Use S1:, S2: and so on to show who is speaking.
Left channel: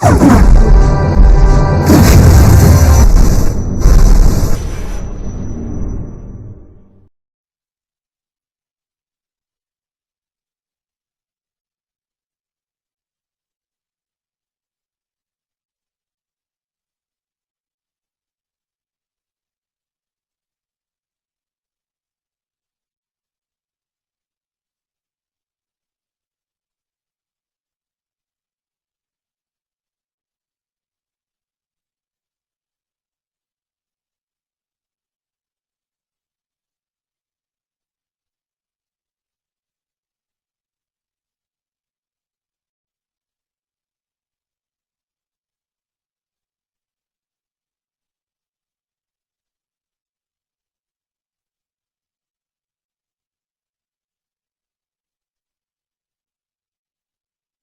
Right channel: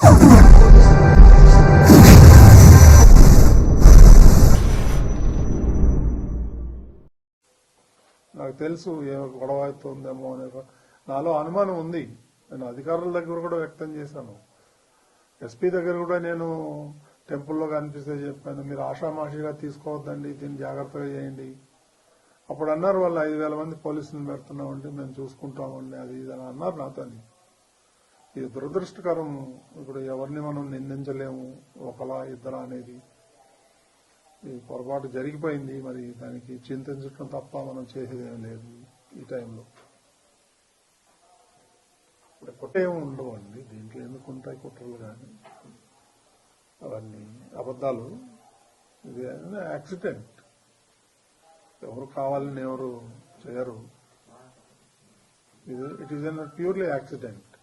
S1: నాకు తెలుసు ఏ గొడవ అవుతుందేమో అనే నాలో అనుమానం ఉంది. నేను అధికారుల దగ్గర కూడా వ్యక్తం చేశాను. ఎస్పీ దగ్గర కూడా నేను టెంపుల్లో కనిపిస్తే చెప్పాను మీరు ఆషామాషిగా తీసుకోవద్దండి దీన్ని జాగ్రత్తగా చేయండి. అప్పుడు అన్నారు వాళ్ళు ఐదు వేల మంది పోలీసులను పెడుతున్నామండి మేము చూసుకుంటామండి అది ఇది అని అన్నారు నాతో ఇది దురదృష్టకరం ఇప్పుడు ఎవరిని మనం నిందించలేము ఒకలా ఇద్దరా అనేది ఈ పొరపాటు జరిగిపోయింది. మరి దానికి చింతించడం తప్ప మనం చేసేదేం లేదు ఈ టైంలో. ఇప్పుడు కుట్రేమి ఉండవు అండి. దీంట్లో ఎందుకు ఉంటాయి కుట్రలు కానీ? అవన్నీ అబద్ధాలు. ఇది యాక్సిడెంట్. ఎవరు కావాలని ఎవరు చేయరు. ఇది it is an purely accident